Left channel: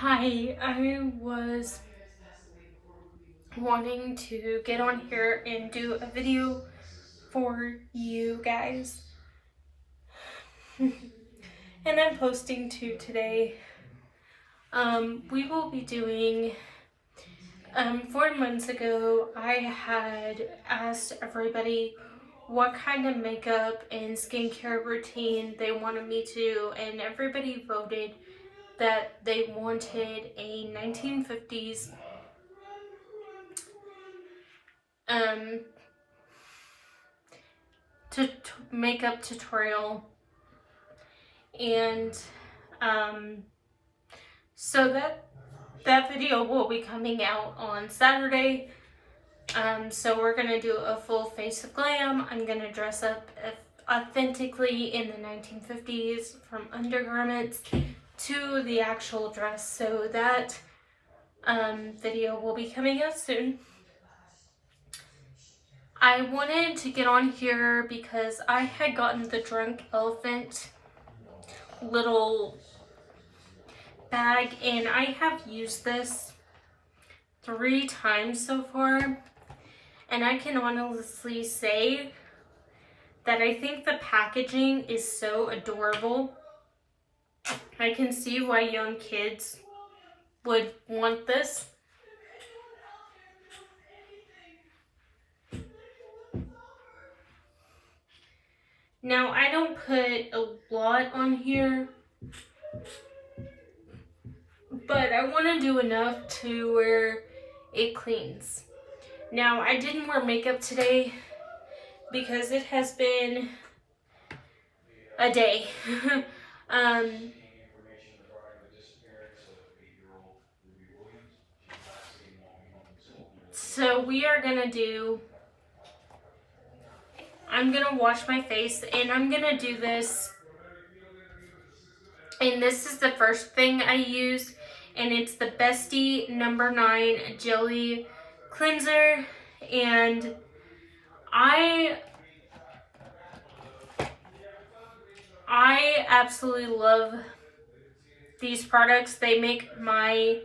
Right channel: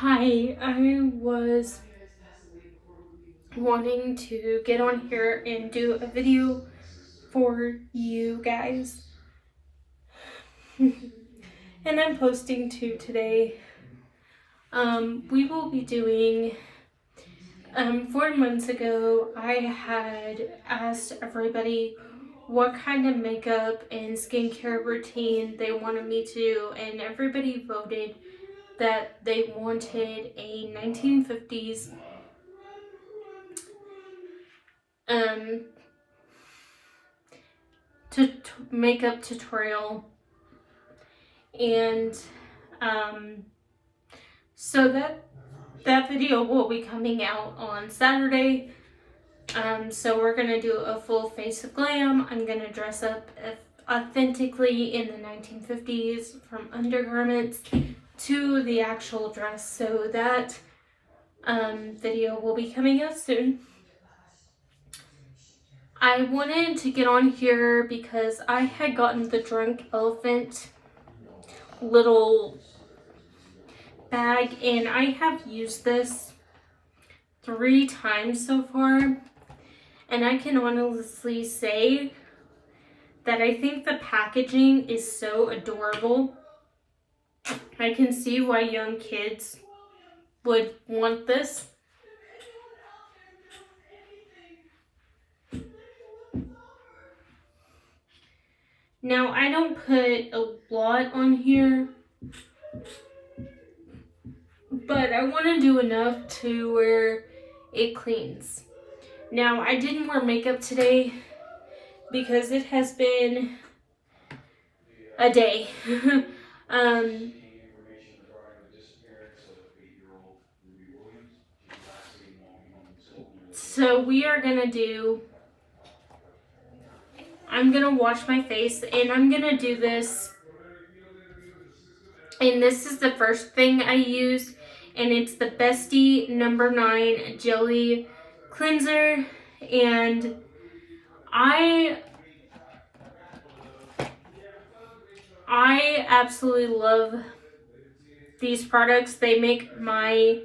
Hi, I was wanting to get on here and do a video for you guys. And I'm posting two today. We will be doing, 4 months ago, I had asked everybody what kind of makeup and skincare routine they wanted me to do, and everybody voted that they wanted a 1950s makeup tutorial, and so that video will be coming out on Saturday. So we're gonna do a full face of glam. I'm gonna dress up authentically in the 1950s, from undergarments to the actual dress. So that video will be coming out soon. I wanted to get on here because I had gotten the Drunk Elephant little bag, and I have used this 3 times so far, and I can honestly say that I think the packaging is so adorable. I can see why young kids would want this. Now, I don't put a lot on here, but I want to do enough to where it cleans. Now, I didn't wear makeup today because it has been a day. So we are gonna do, I'm gonna wash my face, and I'm gonna do this, and this is the first thing I use, and it's the Bestie No. 9 Jelly Cleanser, and I absolutely love these products. They make my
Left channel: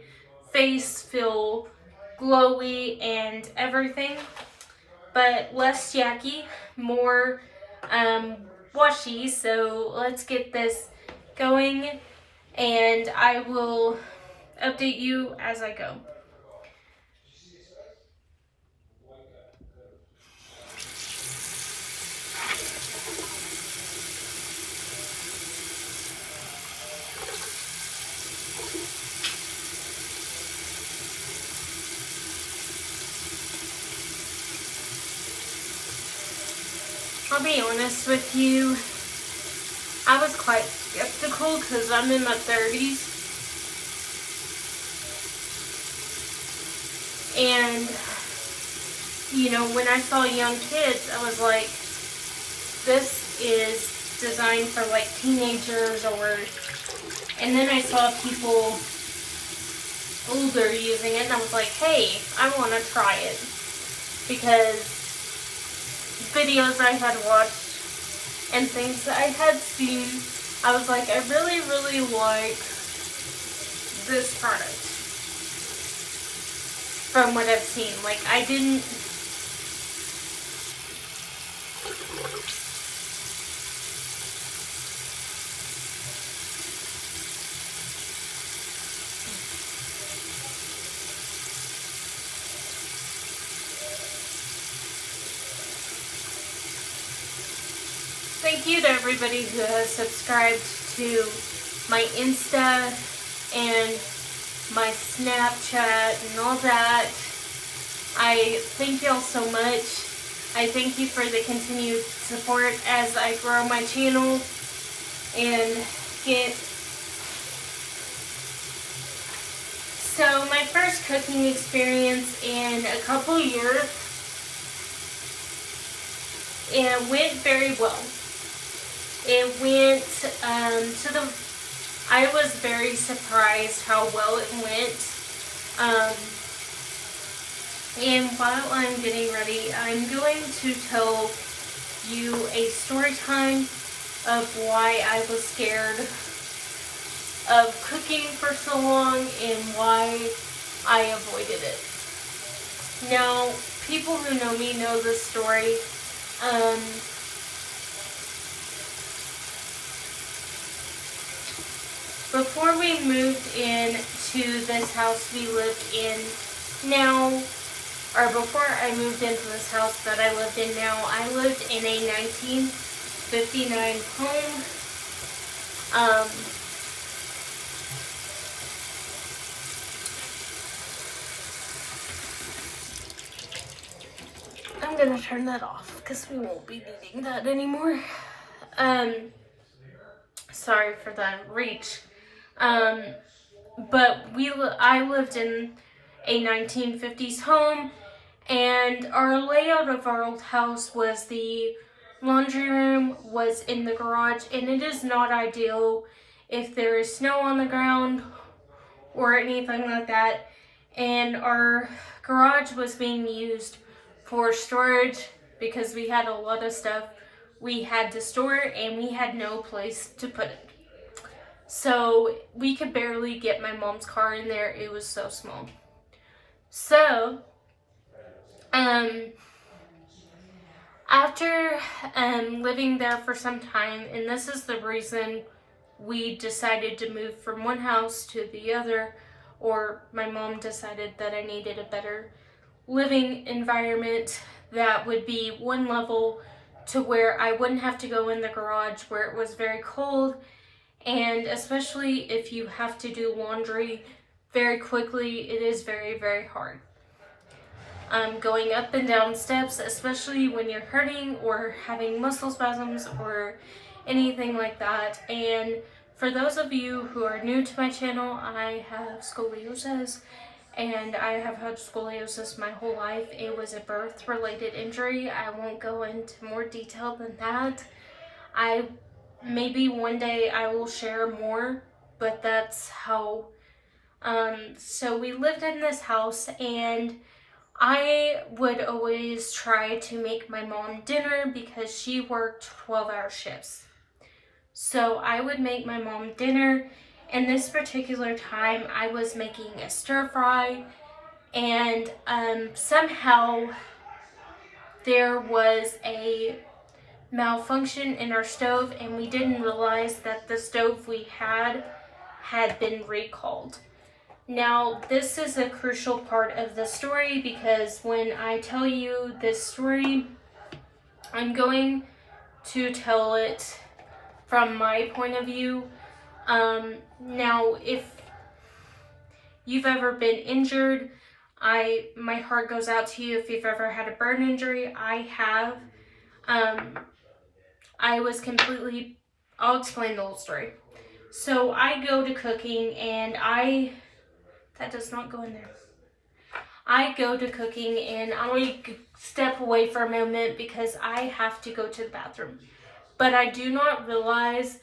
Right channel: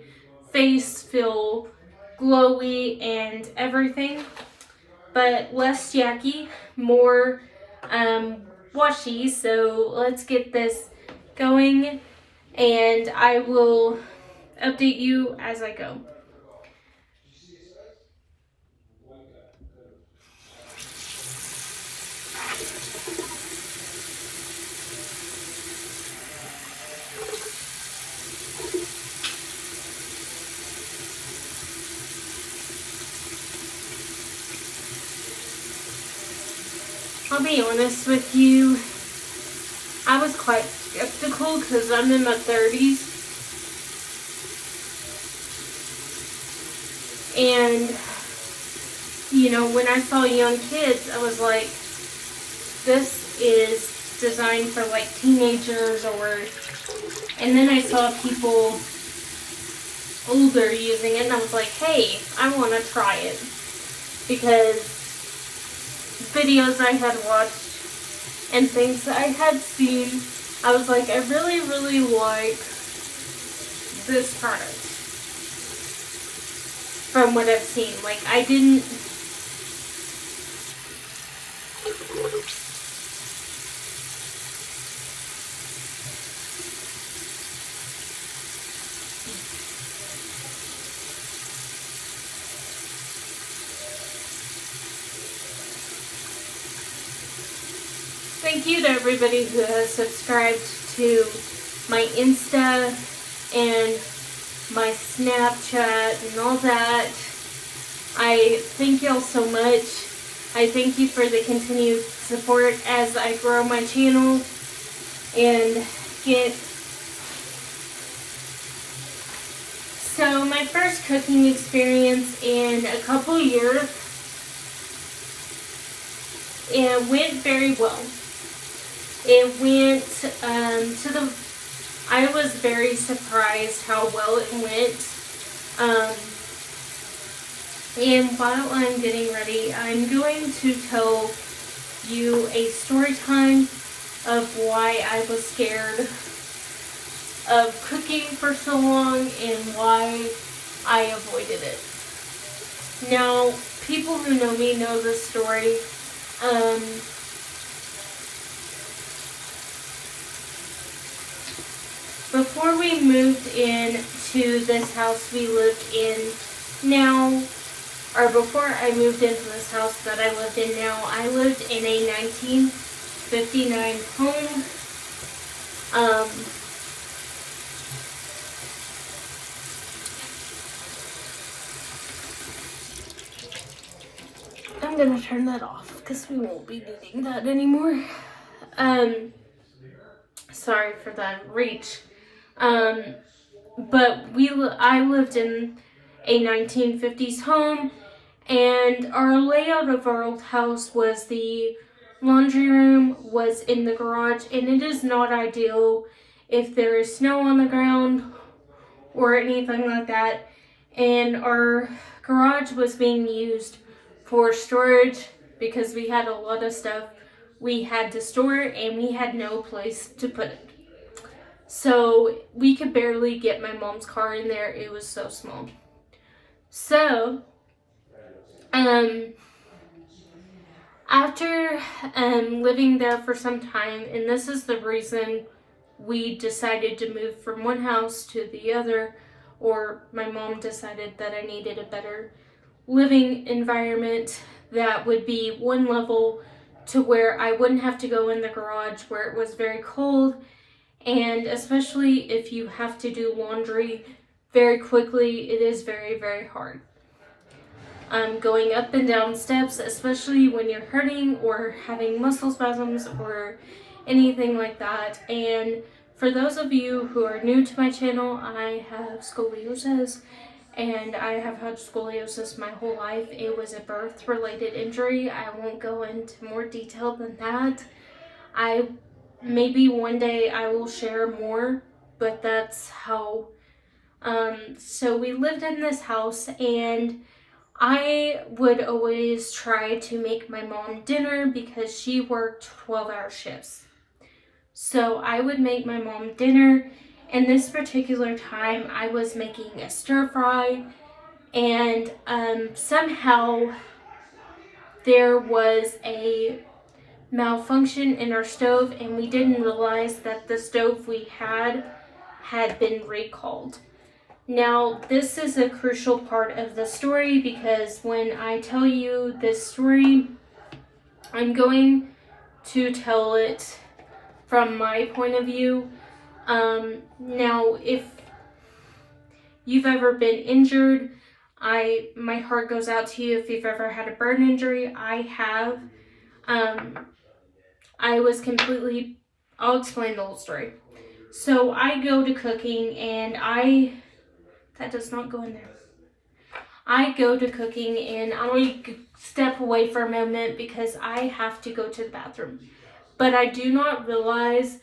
face feel glowy and everything, but less yucky, more washy. So let's get this going, and I will update you as I go. I'll be honest with you, I was quite skeptical because I'm in my 30s, and when I saw young kids, I was like, this is designed for like teenagers, and then I saw people older using it, and I was like, hey, I want to try it, because videos I had watched and things I had seen, I was like, I really, really like this product from what I've seen. Like, I didn't... Thank you to everybody who has subscribed to my Insta and my Snapchat and all that. I thank y'all so much. I thank you for the continued support as I grow my channel and get... So my first cooking experience in a couple years, it went very well. It went I was very surprised how well it went. And while I'm getting ready, I'm going to tell you a story time of why I was scared of cooking for so long and why I avoided it. Now, people who know me know this story. Before we moved into this house we lived in now, or before I moved into this house that I lived in now, I lived in a 1959 home. I'm gonna turn that off because we won't be needing that anymore. Sorry for that reach. But I lived in a 1950s home, and our layout of our old house was the laundry room was in the garage, and it is not ideal if there is snow on the ground or anything like that. And our garage was being used for storage because we had a lot of stuff we had to store and we had no place to put it. So we could barely get my mom's car in there. It was so small. So, after living there for some time, and this is the reason we decided to move from one house to the other, or my mom decided that I needed a better living environment that would be one level to where I wouldn't have to go in the garage where it was very cold, and especially if you have to do laundry very quickly, it is very, very hard. Going up and down steps, especially when you're hurting or having muscle spasms or anything like that. And for those of you who are new to my channel, I have scoliosis, and I have had scoliosis my whole life. It was a birth-related injury. I won't go into more detail than that. Maybe one day I will share more, but that's how. So we lived in this house, and I would always try to make my mom dinner because she worked 12-hour shifts. So I would make my mom dinner, and this particular time I was making a stir fry, and somehow there was a malfunction in our stove, and we didn't realize that the stove we had been recalled. Now, this is a crucial part of the story because when I tell you this story, I'm going to tell it from my point of view. Now, if you've ever been injured, my heart goes out to you if you've ever had a burn injury. I have. I'll explain the whole story. So I go to cooking, and that does not go in there. I go to cooking, and I step away for a moment because I have to go to the bathroom. But I do not realize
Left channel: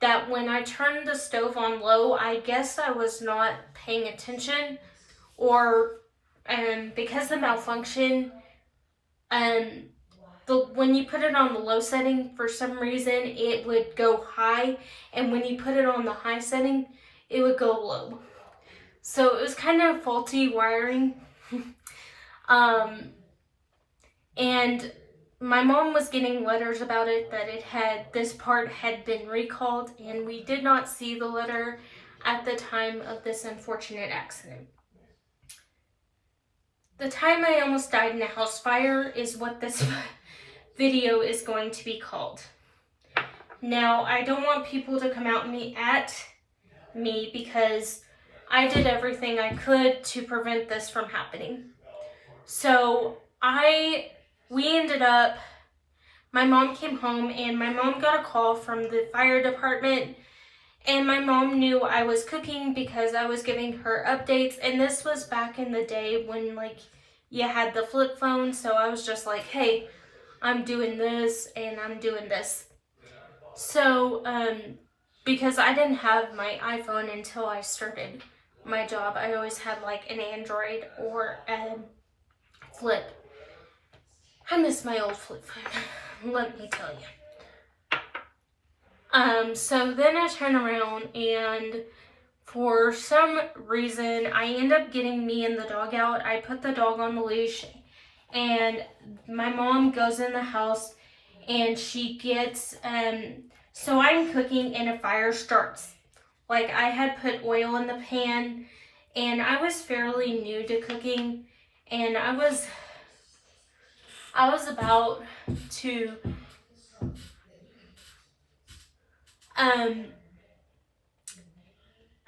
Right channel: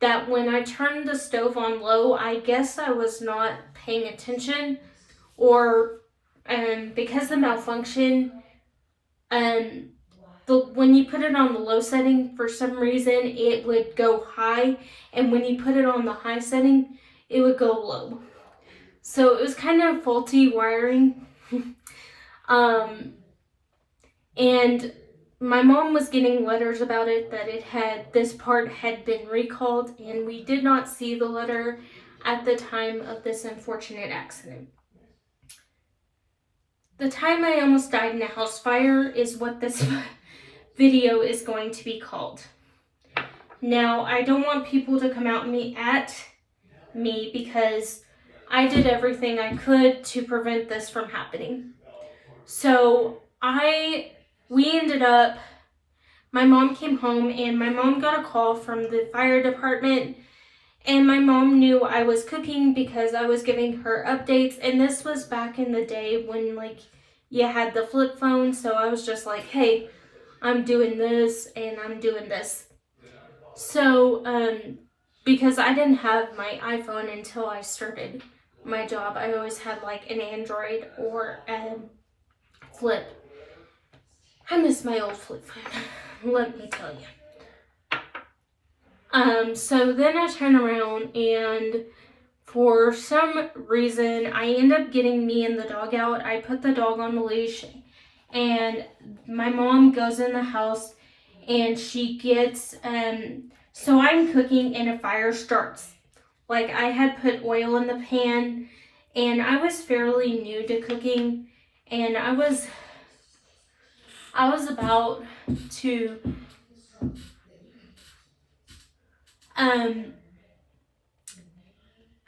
that when I turned the stove on low, I guess I was not paying attention, or because the malfunction, when you put it on the low setting, for some reason it would go high, and when you put it on the high setting, it would go low. So it was kind of faulty wiring. And my mom was getting letters about it, that this part had been recalled, and we did not see the letter at the time of this unfortunate accident. The time I almost died in a house fire is what this video is going to be called. Now, I don't want people to come at me because I did everything I could to prevent this from happening. So we ended up, my mom came home, and my mom got a call from the fire department, and my mom knew I was cooking because I was giving her updates, and this was back in the day when you had the flip phone, so I was just like, hey, I'm doing this and I'm doing this. So, because I didn't have my iPhone until I started my job, I always had an Android or a flip. I miss my old flip phone, let me tell you. So then I turn around, and For some reason, I end up getting me and the dog out. I put the dog on the leash, and my mom goes in the house, and she gets, so I'm cooking and a fire starts. Like, I had put oil in the pan, and I was fairly new to cooking, and I was about to,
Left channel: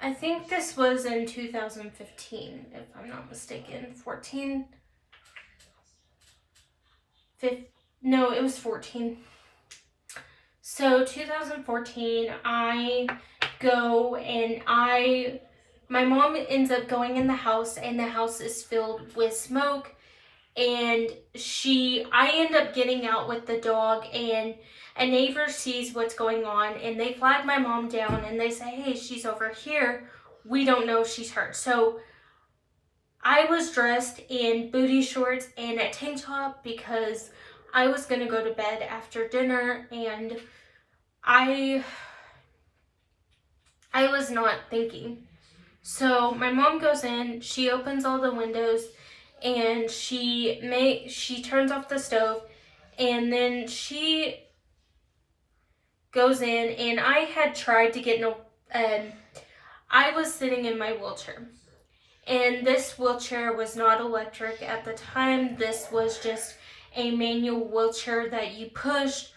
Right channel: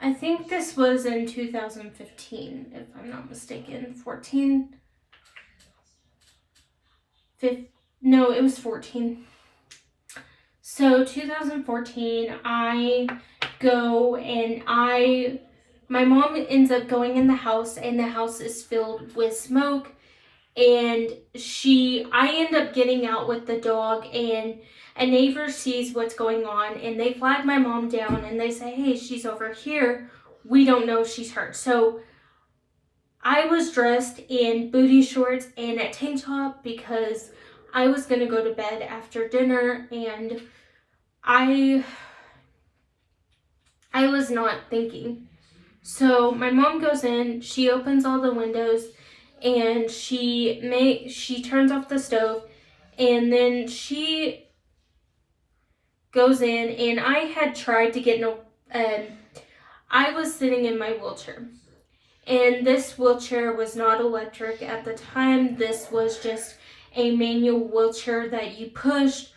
I think this was in 2015, if I'm not mistaken. 14? No, it was 14. So 2014, I go and my mom ends up going in the house, and the house is filled with smoke, and I end up getting out with the dog, and a neighbor sees what's going on, and they flag my mom down, and they say, hey, she's over here. We don't know if she's hurt. So I was dressed in booty shorts and a tank top because I was going to go to bed after dinner, and I was not thinking. So my mom goes in, she opens all the windows, and she turns off the stove, and then she goes in, and I had tried to get I was sitting in my wheelchair, and this wheelchair was not electric at the time. This was just a manual wheelchair that you pushed,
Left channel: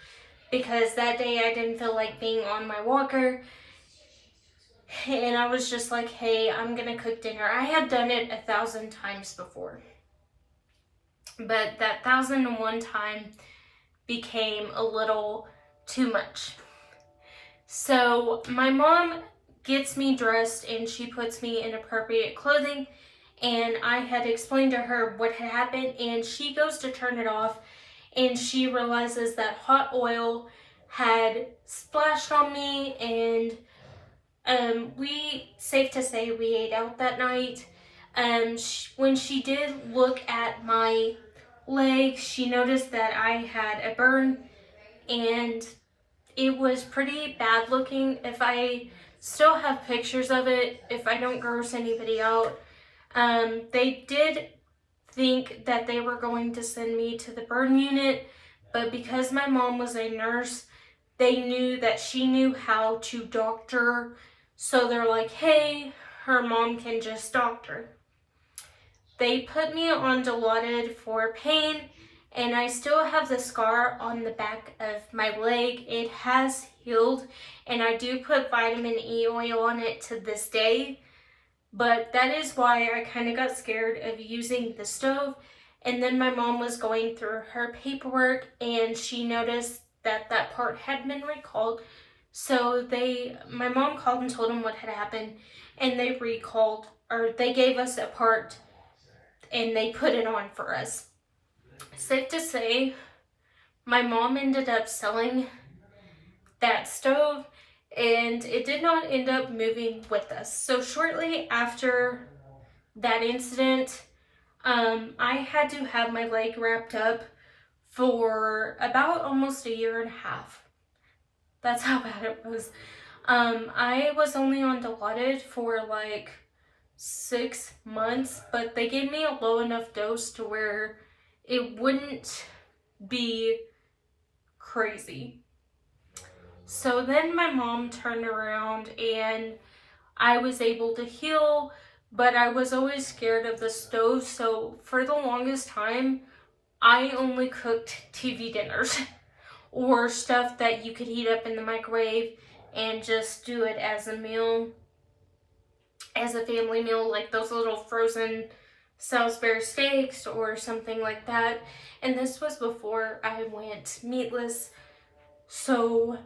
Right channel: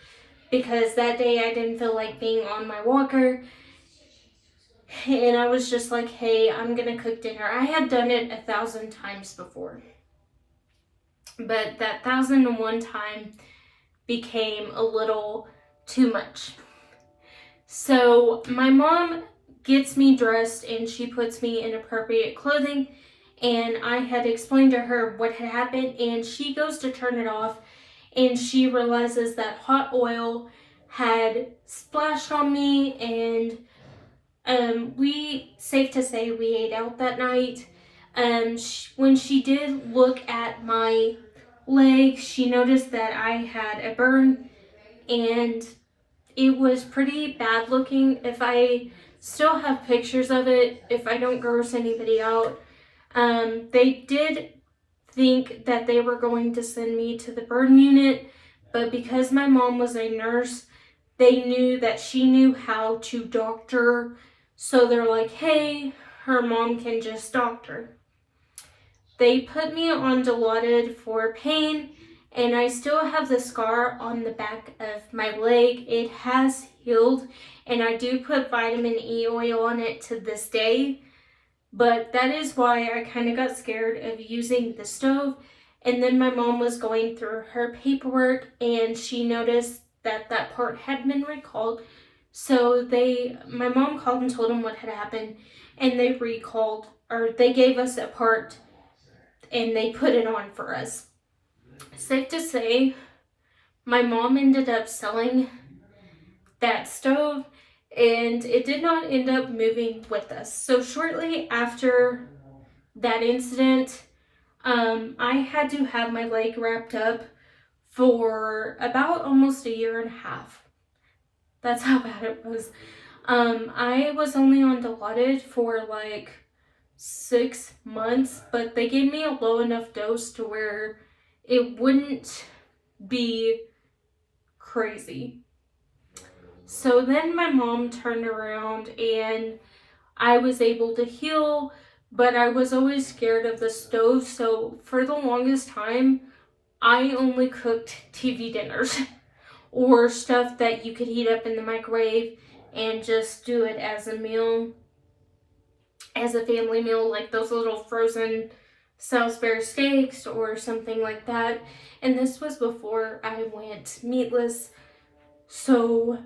because that day I didn't feel like being on my walker, and I was just like, hey, I'm gonna cook dinner. I had done it 1,000 times before, but that 1,001 time became a little too much. So my mom gets me dressed, and she puts me in appropriate clothing, and I had explained to her what had happened, and she goes to turn it off, and she realizes that hot oil had splashed on me, and safe to say, we ate out that night. When she did look at my leg, she noticed that I had a burn, and it was pretty bad looking. If I still have pictures of it, if I don't gross anybody out, they did think that they were going to send me to the burn unit, but because my mom was a nurse, they knew that she knew how to doctor, so they're like, hey, her mom can just doctor. They put me on Dilaudid for pain, and I still have the scar on the back of my leg. It has healed, and I do put vitamin E oil on it to this day, but that is why I kind of got scared of using the stove. And then my mom was going through her paperwork, and she noticed that part had been recalled. So my mom called and told them what had happened, and they gave us a part, and they put it on for us. Safe to say, my mom ended up selling that stove, and it did not end up moving with us. So shortly after that incident, I had to have my leg wrapped up for about almost 1.5 years. That's how bad it was. I was only on Dilaudid for like 6 months, but they gave me a low enough dose to where it wouldn't be crazy. So then my mom turned around, and I was able to heal, but I was always scared of the stove. So for the longest time, I only cooked TV dinners or stuff that you could heat up in the microwave and just do it as a meal, as a family meal, like those little frozen Salisbury steaks or something like that. And this was before I went meatless. So,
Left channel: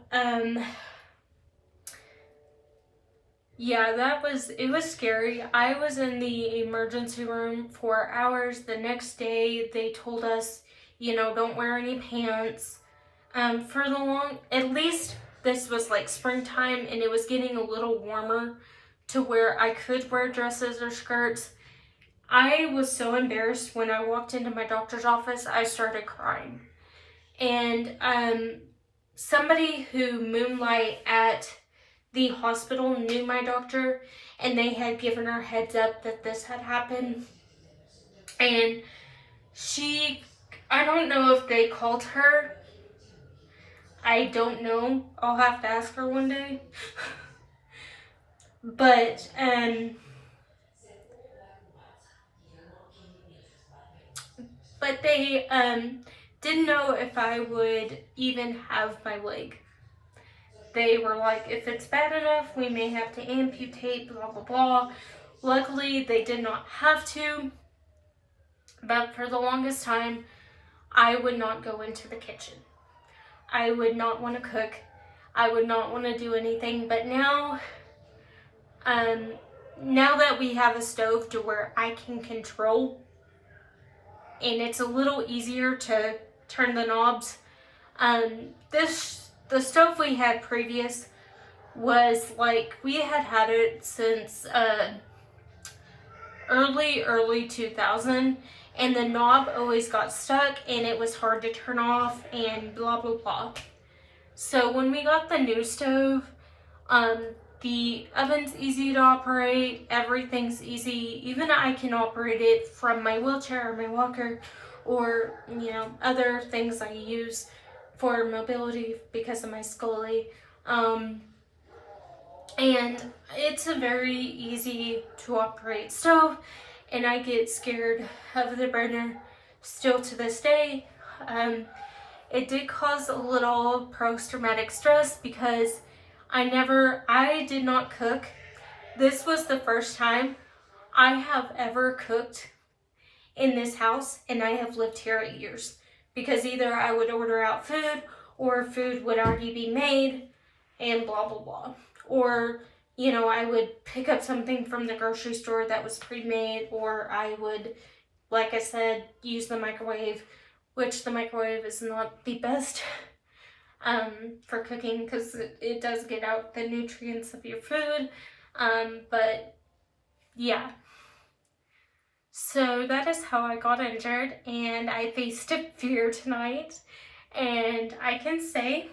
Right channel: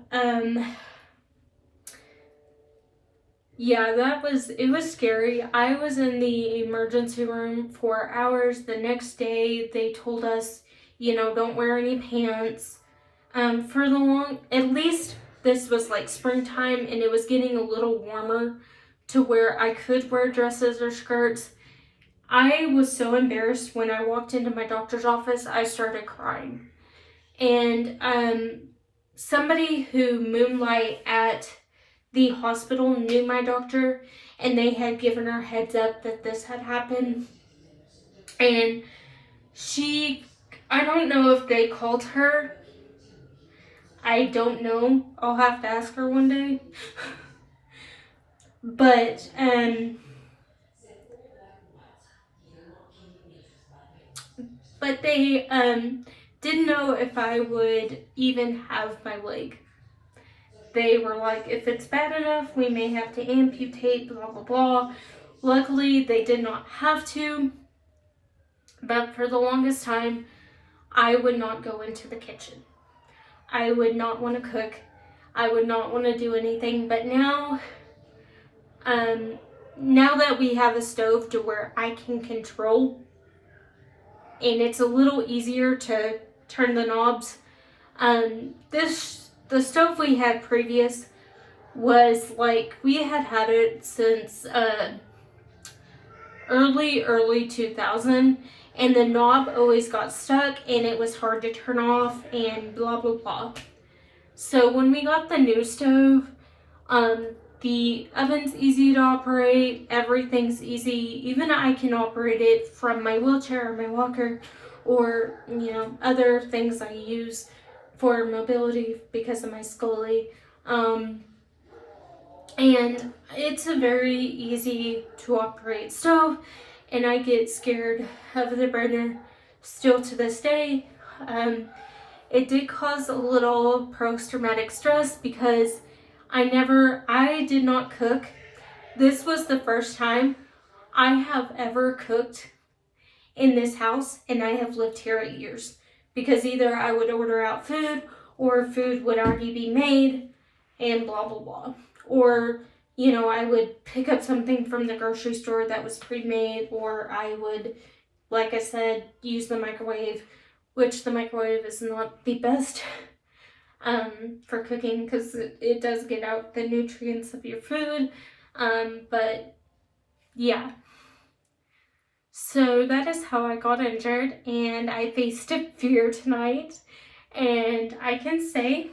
yeah, it was scary. I was in the emergency room for hours. The next day, they told us, don't wear any pants. At least this was like springtime, and it was getting a little warmer to where I could wear dresses or skirts. I was so embarrassed when I walked into my doctor's office, I started crying. And somebody who moonlight at the hospital knew my doctor, and they had given her heads up that this had happened. And I don't know if they called her. I don't know. I'll have to ask her one day. But, they didn't know if I would even have my leg. They were like, if it's bad enough, we may have to amputate, blah, blah, blah. Luckily, they did not have to. But for the longest time, I would not go into the kitchen. I would not want to cook. I would not want to do anything. But now that we have a stove to where I can control, and it's a little easier to turn the knobs. The stove we had previous was like, we had it since early 2000, and the knob always got stuck and it was hard to turn off and blah blah blah. So when we got the new stove, the oven's easy to operate, everything's easy. Even I can operate it from my wheelchair or my walker, or other things I use for mobility because of my scoliosis. And it's a very easy to operate stove, and I get scared of the burner still to this day. It did cause a little post-traumatic stress because I did not cook. This was the first time I have ever cooked in this house, and I have lived here 8 years. Because either I would order out food, or food would already be made, and blah blah blah. Or, I would pick up something from the grocery store that was pre-made, or I would, like I said, use the microwave, which the microwave is not the best for cooking because it does get out the nutrients of your food. But yeah. So that is how I got injured, and I faced a fear tonight, and I can say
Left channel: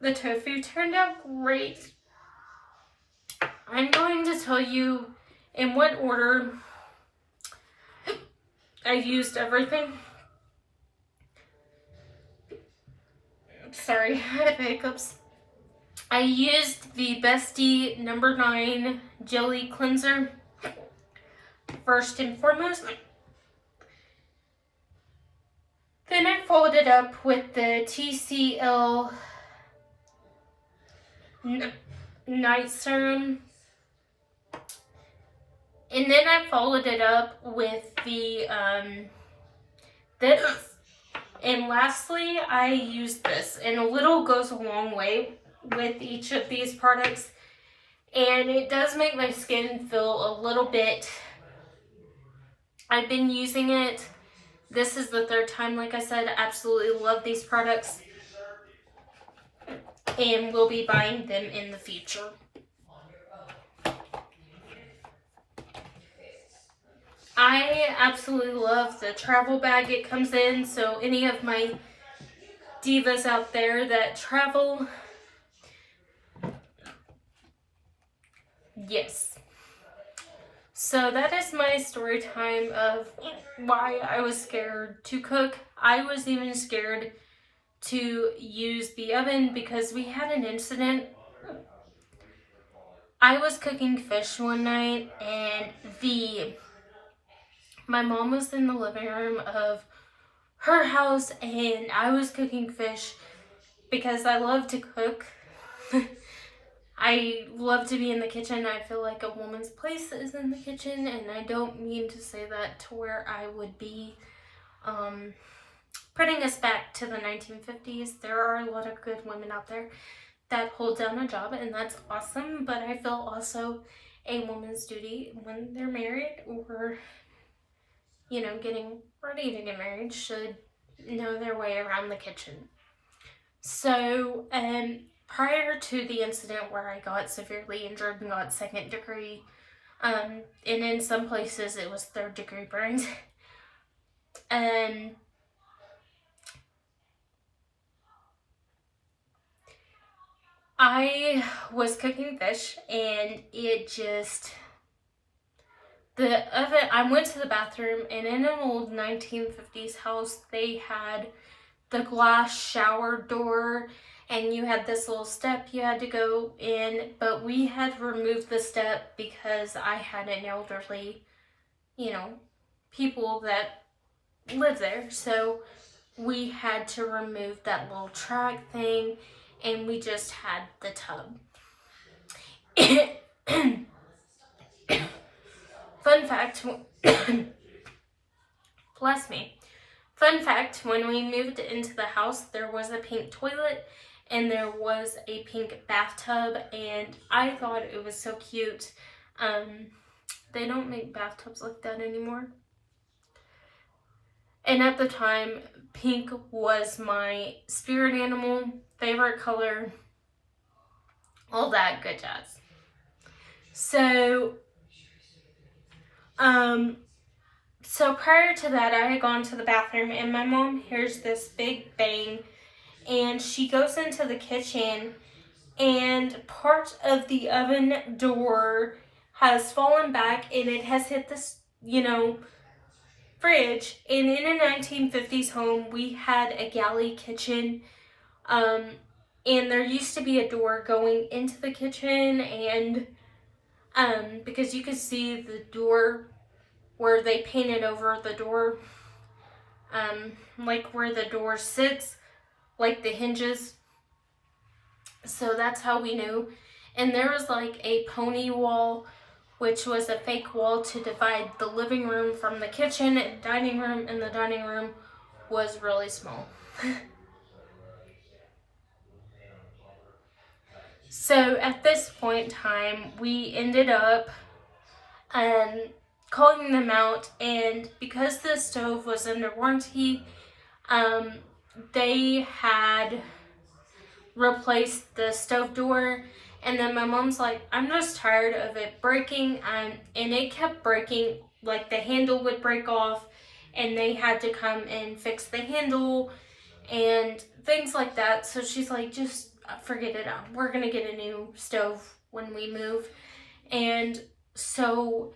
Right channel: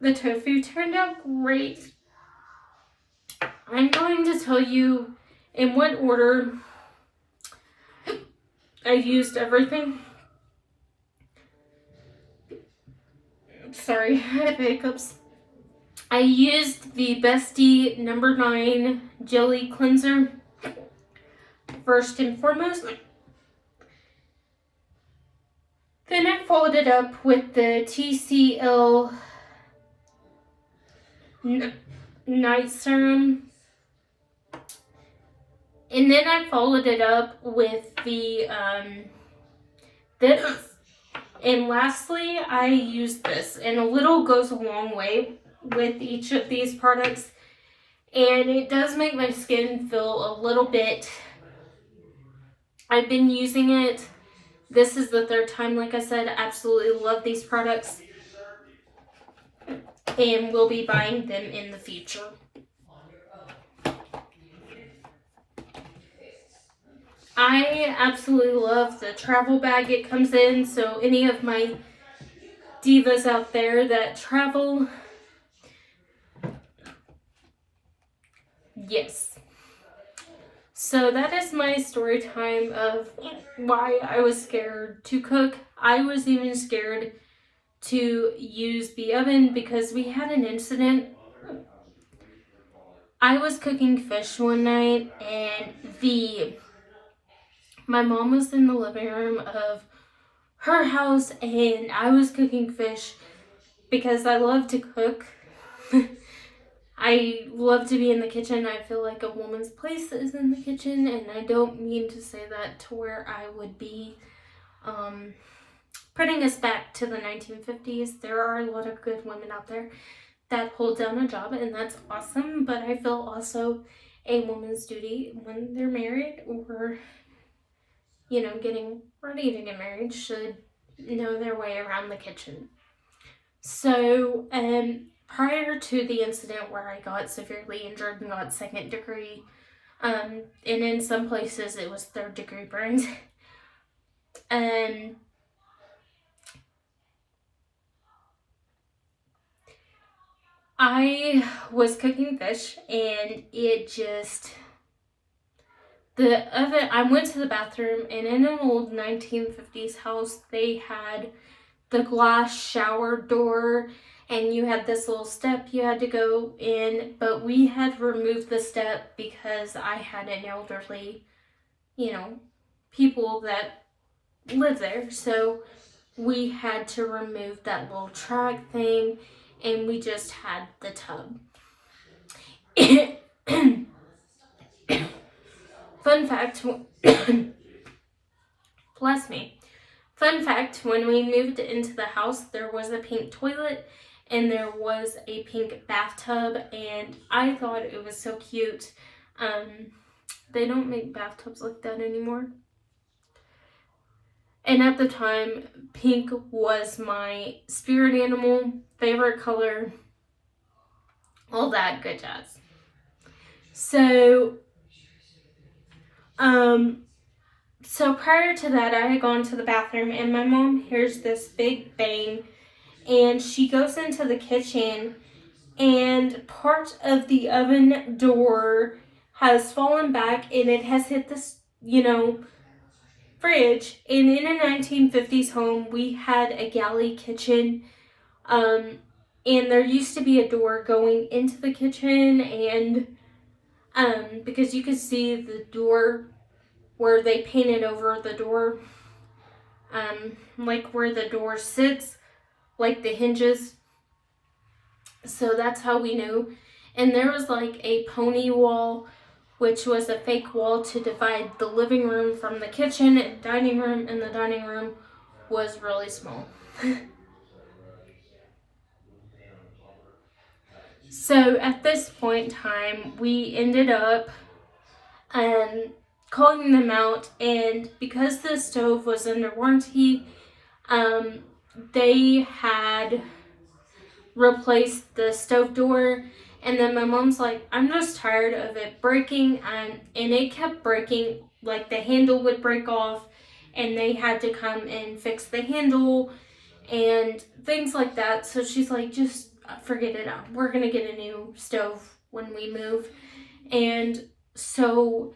the tofu turned out great. I'm going to tell you in what order I used everything. Sorry, I had hiccups. I used the Bestie No. 9 Jelly Cleanser first and foremost. Then I followed it up with the TCL Night Serum. And then I followed it up with the this. And lastly, I used this. And a little goes a long way with each of these products. And it does make my skin feel a little bit... I've been using it. This is the third time, like I said. Absolutely love these products. And will be buying them in the future. I absolutely love the travel bag it comes in. So any of my divas out there that travel, yes. So that is my story time of why I was scared to cook. I was even scared to use the oven because we had an incident. I was cooking fish one night, and my mom was in the living room of her house, and I was cooking fish because I love to cook. I love to be in the kitchen. I feel like a woman's place is in the kitchen, and I don't mean to say that to where I would be putting us back to the 1950s. There are a lot of good women out there that hold down a job, and that's awesome, but I feel also a woman's duty when they're married or, getting ready to get married should know their way around the kitchen. So, prior to the incident where I got severely injured and got 2nd degree, and in some places it was 3rd degree burns, I was cooking fish and the oven, I went to the bathroom, and in an old 1950s house, they had the glass shower door, and you had this little step you had to go in, but we had removed the step because I had an elderly, people that live there, so we had to remove that little track thing, and we just had the tub. Fun fact, bless me. Fun fact, when we moved into the house, there was a pink toilet and there was a pink bathtub, and I thought it was so cute. They don't make bathtubs like that anymore. And at the time, pink was my spirit animal, favorite color, all that good jazz. So prior to that, I had gone to the bathroom, and my mom hears this big bang, and she goes into the kitchen, and part of the oven door has fallen back, and it has hit this, fridge. And in a 1950s home, we had a galley kitchen, and there used to be a door going into the kitchen, and because you could see the door where they painted over the door, like where the door sits, like the hinges. So that's how we knew. And there was like a pony wall, which was a fake wall to divide the living room from the kitchen and dining room, and the dining room was really small. So at this point in time, we ended up calling them out, and because the stove was under warranty, they had replaced the stove door. And then my mom's like, I'm just tired of it breaking, and it kept breaking. Like the handle would break off, and they had to come and fix the handle and things like that. So she's like, just forget it. We're gonna get a new stove when we move. And so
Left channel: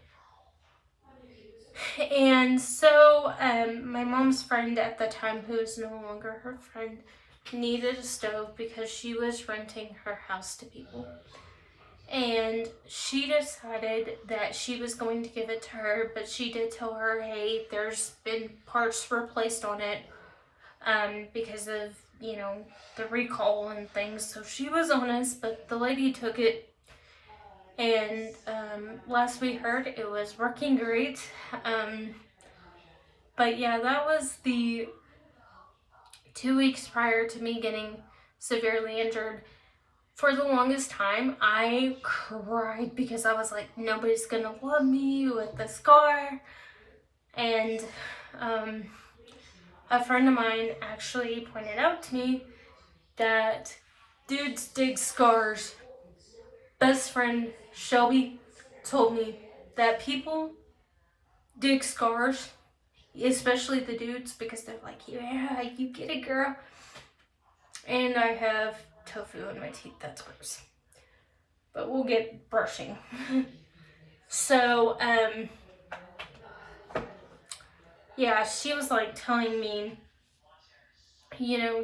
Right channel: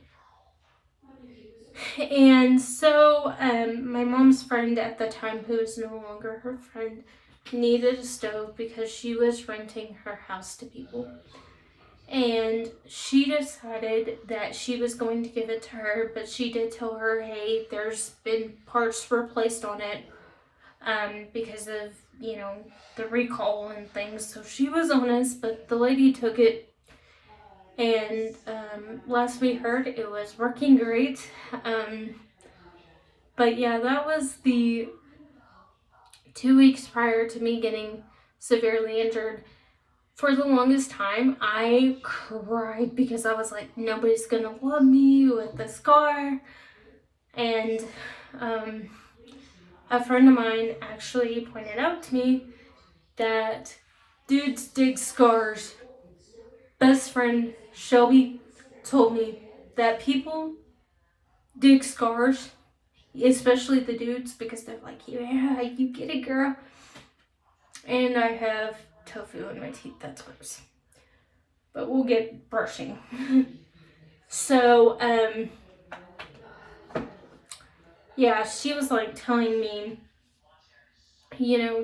my mom's friend at the time, who is no longer her friend, needed a stove because she was renting her house to people. And she decided that she was going to give it to her, but she did tell her, hey, there's been parts replaced on it because of, the recall and things. So she was honest, but the lady took it. And last we heard, it was working great. But yeah, that was the 2 weeks prior to me getting severely injured. For the longest time, I cried because I was like, nobody's gonna love me with the scar. And a friend of mine actually pointed out to me that dudes dig scars. Best friend Shelby told me that people dig scars, especially the dudes, because they're like, yeah, you get it, girl. And I have tofu in my teeth. That's gross. But we'll get brushing. So, yeah, she was like telling me,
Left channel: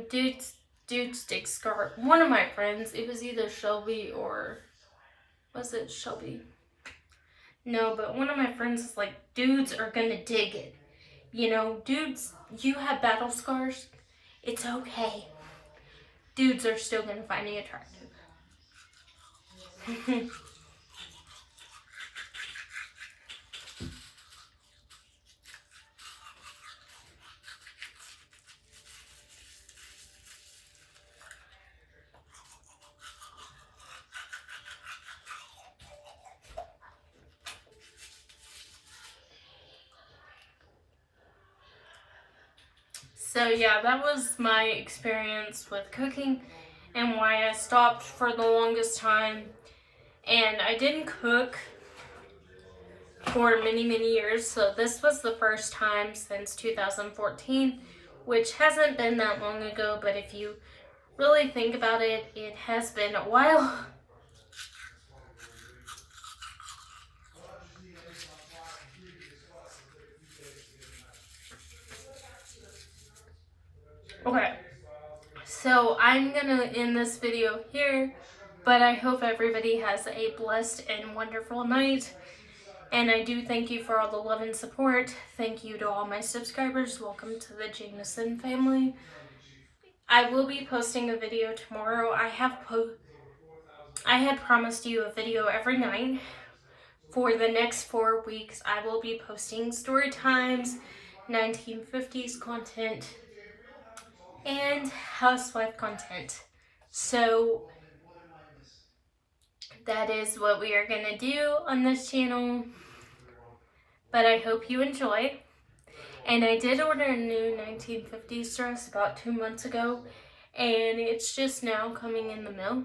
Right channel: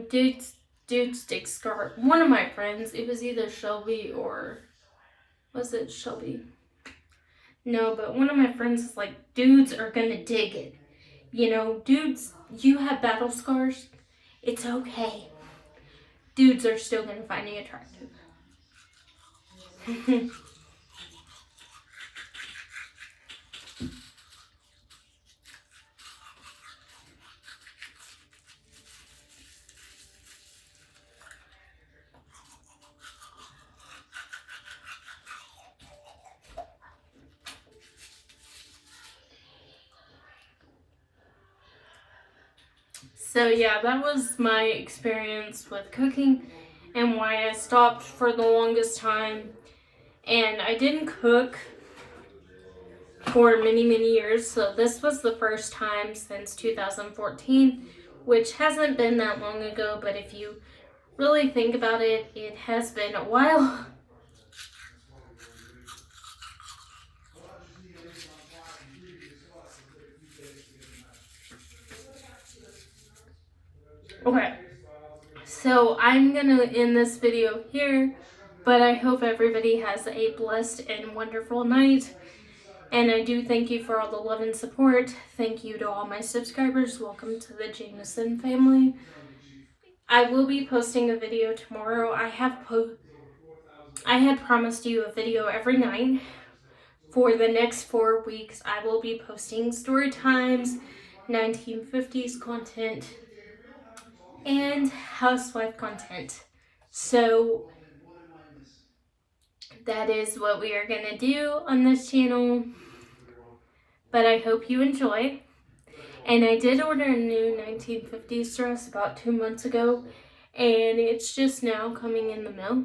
dudes dig scar. One of my friends, it was either Shelby or, was it Shelby? No, but one of my friends is like, dudes are gonna dig it. Dudes, you have battle scars, it's okay. Dudes are still gonna find you attractive. So yeah, that was my experience with cooking and why I stopped for the longest time. And I didn't cook for many, many years. So this was the first time since 2014, which hasn't been that long ago. But if you really think about it, it has been a while. Okay, so I'm gonna end this video here, but I hope everybody has a blessed and wonderful night. And I do thank you for all the love and support. Thank you to all my subscribers. Welcome to the Jameson family. I will be posting a video tomorrow. I had promised you a video every night. For the next 4 weeks, I will be posting story times, 1950s content, and housewife content. So that is what we are going to do on this channel. But I hope you enjoy. And I did order a new 1950s dress about 2 months ago, and it's just now coming in the mail.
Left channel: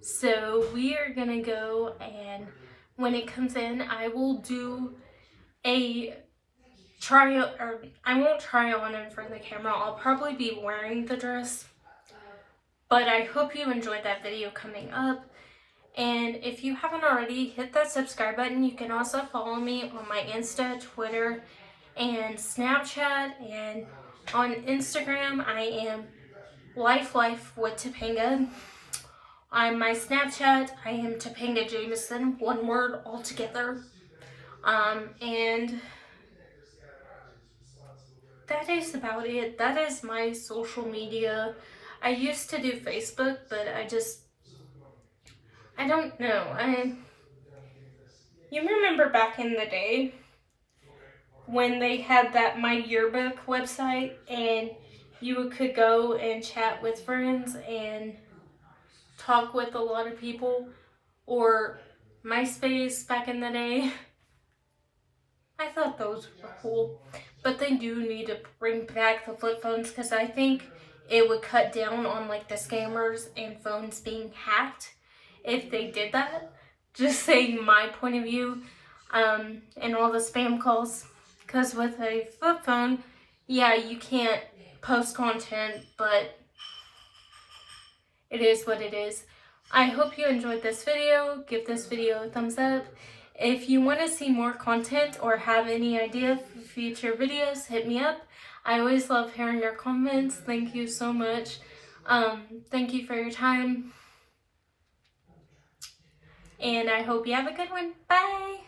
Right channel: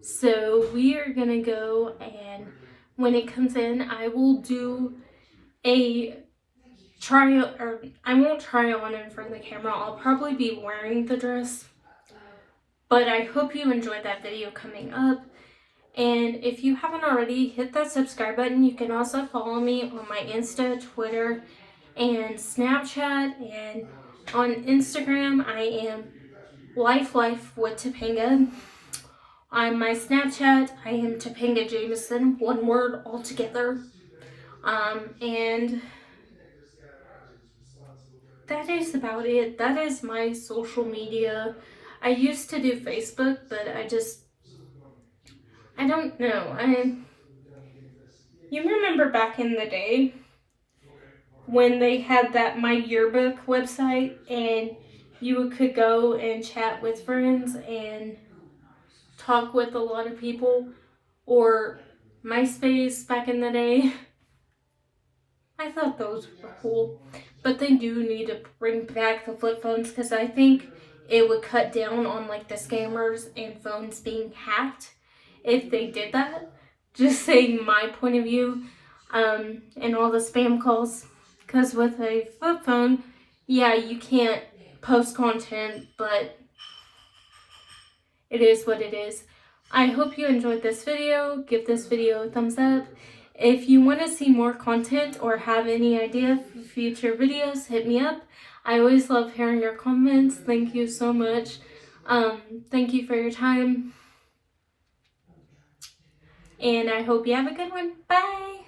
So we are gonna go, and when it comes in, I will do a try, or I won't try on in front of the camera. I'll probably be wearing the dress. But I hope you enjoyed that video coming up. And if you haven't already, hit that subscribe button. You can also follow me on my Insta, Twitter, and Snapchat. And on Instagram, I am Life with Topanga. On my Snapchat, I am Topanga Jameson, one word altogether. And that is about it. That is my social media. I used to do Facebook, but I don't know. You remember back in the day when they had that My Yearbook website, and you could go and chat with friends and talk with a lot of people, or MySpace back in the day. I thought those were cool, but they do need to bring back the flip phones, because I think it would cut down on like the scammers and phones being hacked if they did that. Just saying my point of view, and all the spam calls, because with a flip phone, yeah, you can't post content, but it is what it is. I hope you enjoyed this video. Give this video a thumbs up. If you want to see more content or have any idea for future videos, hit me up. I always love hearing your comments. Thank you so much. Thank you for your time. And I hope you have a good one. Bye!